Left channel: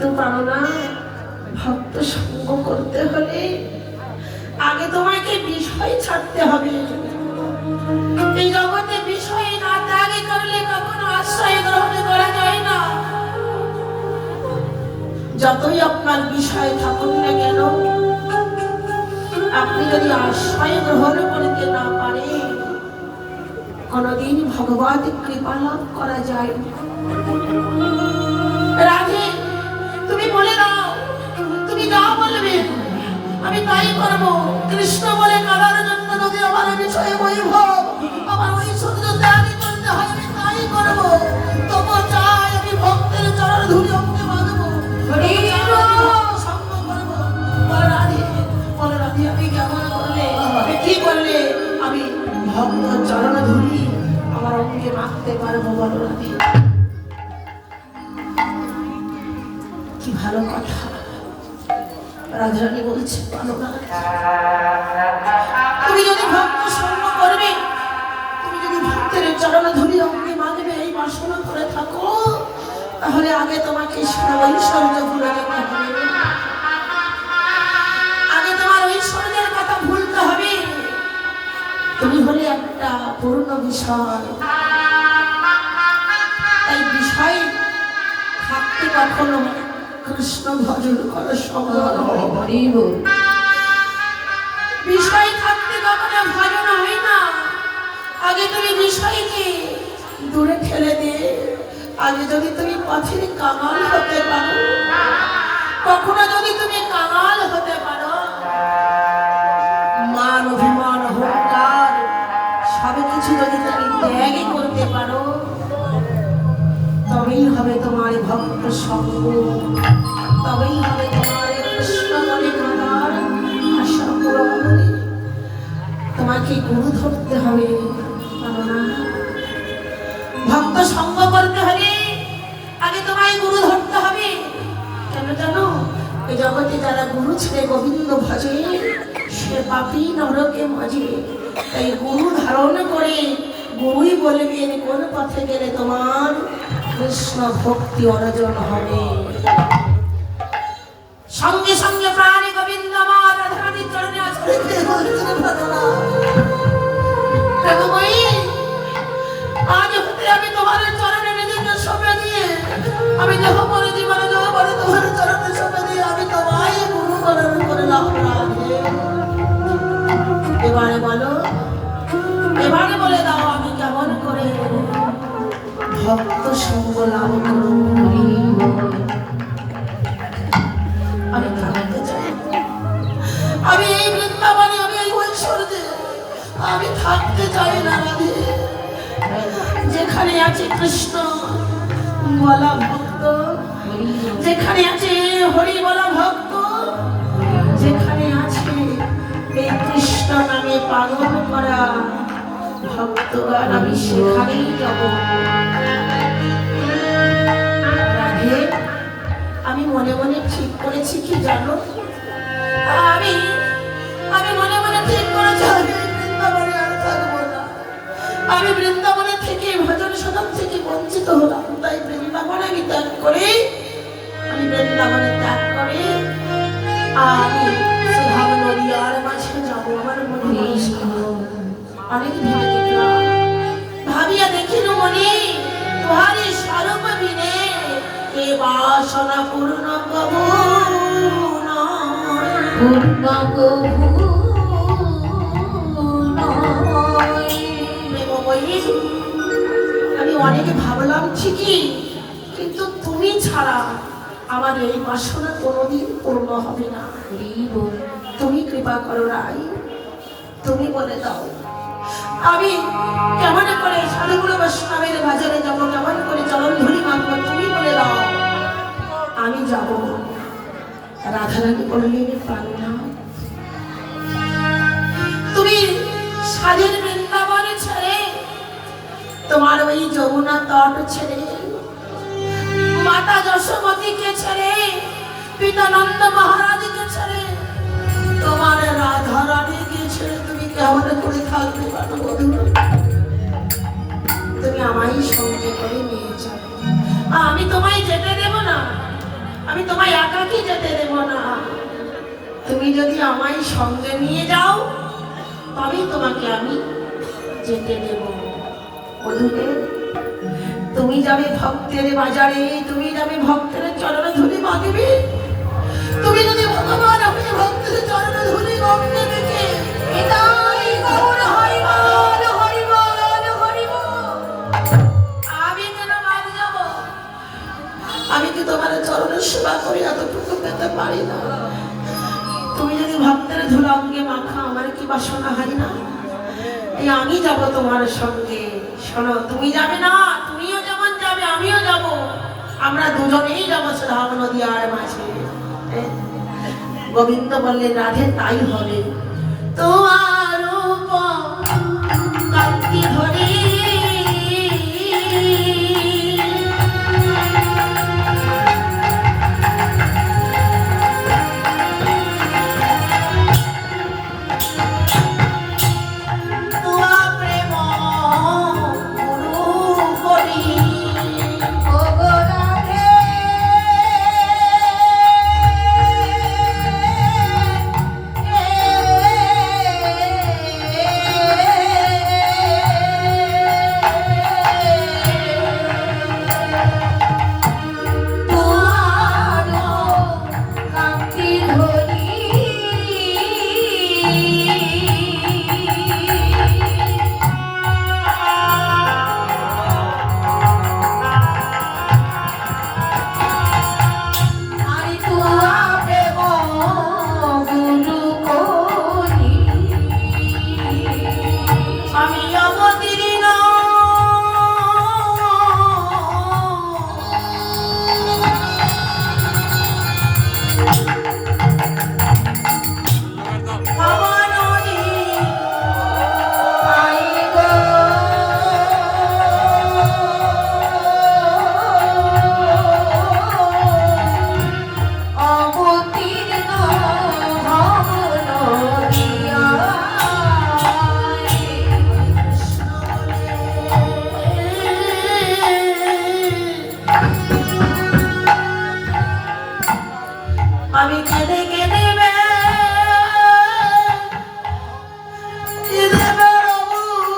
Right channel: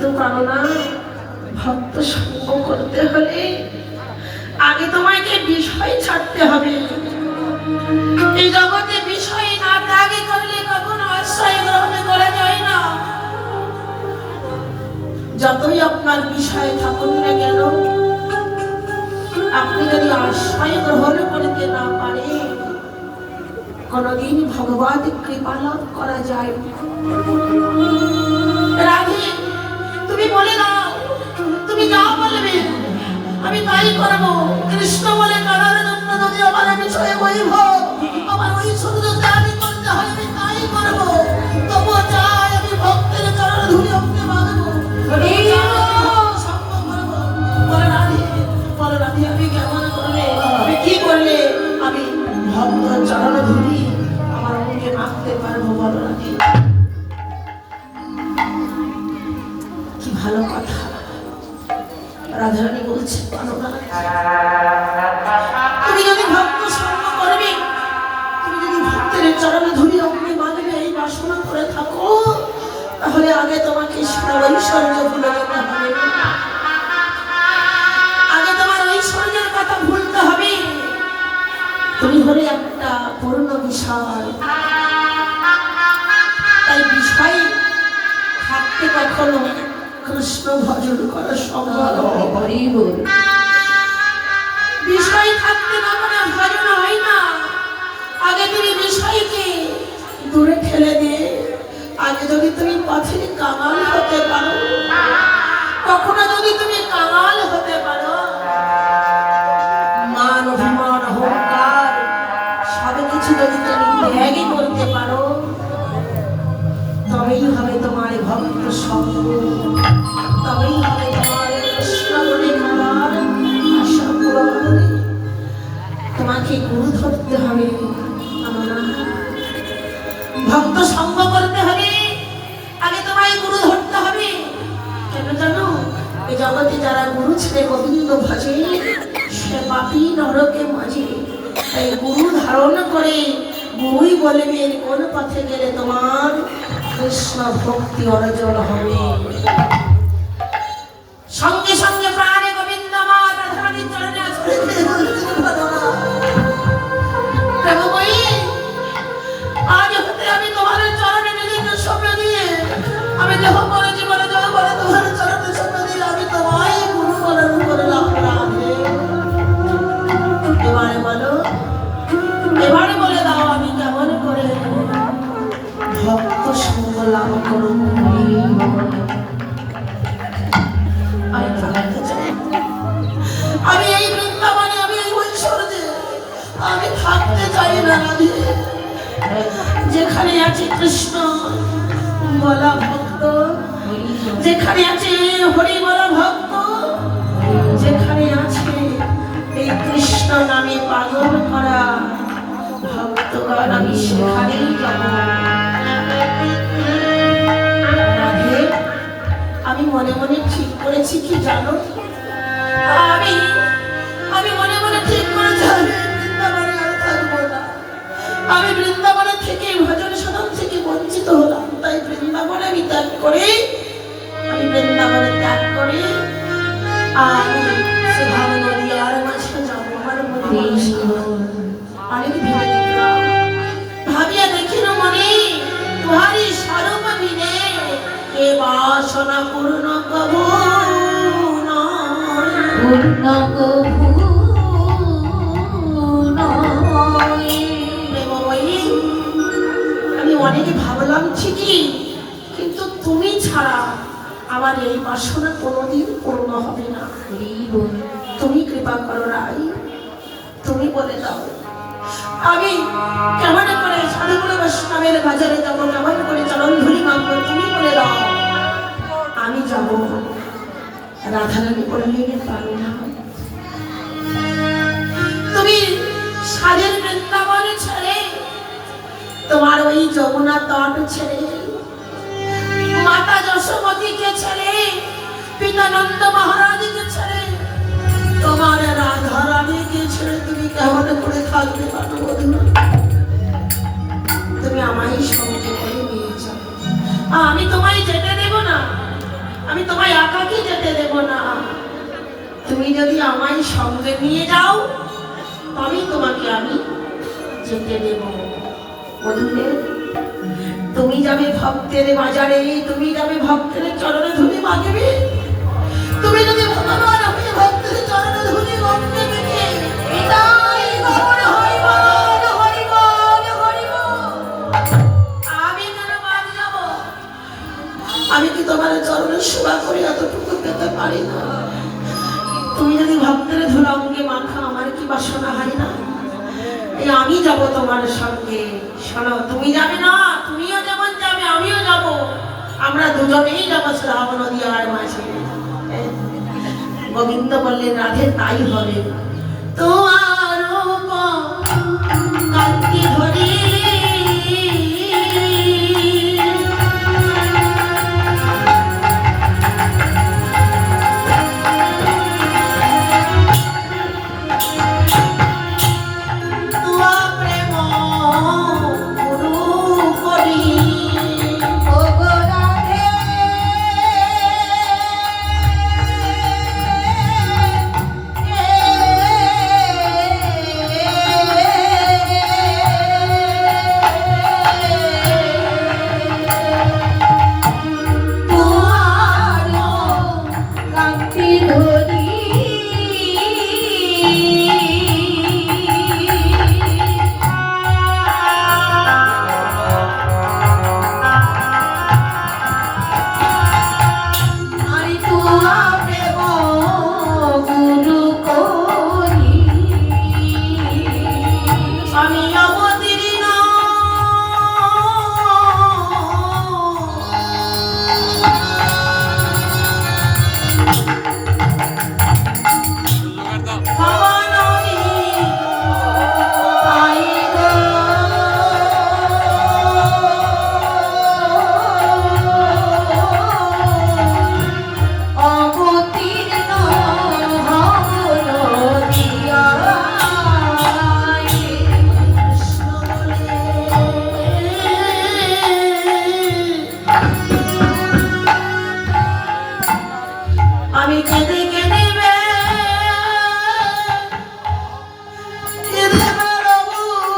কিন্তু পারো না। ভক্ত সঙ্গ করতে হলে আগে তোমাকে বিষয় ছাড়তে হবে। এই জগতে বিষয় না ত্যাগে করলে কখনো আশ্রয় গ্রহণ করা যায় না। যতই আপনার বিষয় থাকুন না কেন, আপনি যদি আশ্রয় গ্রহণ করতে না পারে, কোনদিন ভগবত কৃপা লাভ করা যায়। রাধে, তুমি বলে দাও, তুমি যা বলবে আমি তাই করবো। কৃষ্ণ বলে কারার জন্য যদি আমার বিষয়ে বৈভব, আমার ঐশ্বর্য ত্যাগী করতে হয়, আমি তাই করবো। তবু চাই আমি ভক্তের চরণ ধুলি অঙ্গে বাঁধবো, সঙ্গ করবো। বলো রাধে, আমি কেমন করলে, আমি কি করলে আমি ভক্ত চরণ ধুলি আমার অঙ্গে মাখতে পারবো? বলো রাধে। কি ভালো কথা রাধারানী বলছে, তুমি যদি ভক্ত সঙ্গ করবে, তুমি যদি ভক্তের চরণ ধুলি অঙ্গে মাগবে, এই বাসনা করে থাকো, তাহলে আগে তোমাকে ঐশ্বর্য ভুলে যেতে হবে। আগে তোমার ঐশ্বর্যের কথা ভুলতে হবে। তুমি হলে একটা পূর্ণ বিষয়। এই বিষয়ে থাকতে কখনো কৃষ্ণ ভজন করা সম্ভব হরিব। বিষয় থাকতে কখনো ভজন হয় না। আগে তুমি বিষয়কে দূরে ঠেলে দিয়ে আগে যদি তুমি পথের কাঙাল হতে পারো, কখনো যদি তুমি কাঙাল হতে পারো, মান অভিমান অহংকার সবকিছু যদি তুমি ত্যাগই করতে পারো, তবেই হবে তোমার ভক্ত সঙ্গ, তবেই হবে তোমার কৃষ্ণ বলে কাঁদার আশা পূরণ। তোমাকে গুরু ধরতে হবে। ভক্ত সঙ্গ করতে হলে আগে তোমায় গুরু ধরতে হবে। কেন জানো? এই জগতে যারা গুরু ছেড়ে গোবিন্দ ভজে, সে পাপী নরকে মাঝে। তাই গুরু ধারণ করে গুরুই বলবেন কোন পথে গেলে তোমার কৃষ্ণ ভক্তি অর্জন হবে। সঙ্গে সঙ্গে প্রাণে গোবিন্দ আমার রাধারানীর চরণে আসলে আজ হতে আমি তোমার চরণে নিজেকে সঁপে দিয়ে, আমি দেহ করে জীবনে দেহ করে তোমার চরণে সঁপে দিয়ে আমি তোমায় গুরু বরণ করলাম। এবারে বলো, এবারে বলে দাও আমি কেমন করে ভক্ত সঙ্গ লাভ করব। আমি এই বৃন্দাবনে, আমি এই ঐশ্বর্যে আমি থাকতে চাই না। রাধে, যেখানে আছে কৃষ্ণ বলা ভক্ত, যেখানে আছে হরি বলা ভক্ত, যেখানে আছে এই কৃষ্ণ নামে পালন করা ভক্তগণ, আমি সেখানেই যাব। আমি মনে মনে ঠিক করেছি কি জানো? আমি মনে মনে ঠিক করেছি আমি বৃন্দাবনে আর থাকবো না। আমি বৃন্দাবনে থেকে ভজন সাধন থেকে বঞ্চিত হলাম। তাই বৃন্দাবনে আমি ত্যাগ করে, আমি বৃন্দাবনে ত্যাগ করে আমি সুধাম নদিয়ার মাঝে যাবো। আমার মনে অনেক ভেবে দেখলাম, ভাবিয়া দেখিল মনে তোমারই স্বরূপ বিনে এ বাসনা পূর্ণ কবু পূর্ণ কবু। আমি অনেক ভাবলাম ঠিকই, কিন্তু তুমি ছাড়া আমার এই বাসনা কোনোদিন পূর্ণ হবে না। তুমি কৃপা করো রাই, তুমি বলে দাও আমি কেমন করে সাধুগুলো বৈষ্ণবের বাজারে যাবো, কেমন করে চরণ ধুলি মাখবো, তুমি বলে দাও। আমি যাবো। রাধারানী বললেন পারো না। তুমি সাজের বৃন্দাবনে ছেড়ে, তোমার ওই যমুনা তট ছেড়ে, মাতা যশোমতীকে ছেড়ে, পিতা নন্দ মহারাজকে ছেড়ে, তোমার রাধারানীকে ছেড়ে তুমি কেমন করে থাকবে? তুমি আমায় সঙ্গে করে নিয়ে যাও। আমি তোমায় যেতে দেব না। আমি তোমায় একাকি যেতে দেব না। তুমি যদি আমায় সঙ্গে নিয়ে যাও তবেই তোমাকে আমি যেতে দেব। বন্ধুরে, তুমি যাবে ভক্তের বাজারে, তুমি যাবে ভক্তের চরণে ধুলি মাগবে। তুমি যদি ভগবান হয়ে ভক্তের চরণে ধুলি মাগবে দেখে হৃদয় গমন হরিবল হরিবল হরিবল। আমি কেন বাদ যাব? আমি কি তোমার চরণে সেবা করে এতটুকু পেতে পারি না? তুমি যদি ভক্তের ধুলা অঙ্গে মাখা, আমার কি বাসনা হয় না? এই আমি যাব তোমার সঙ্গে। শোনো, তুমি যাবে না, তুমিও যেমন যাবে আমিও যাব। আমরা দুজনেই যাবো শ্রাবণ নদী আর মাঝে। গোবিন্দ বললেন রাধে তাই হবে। তোমার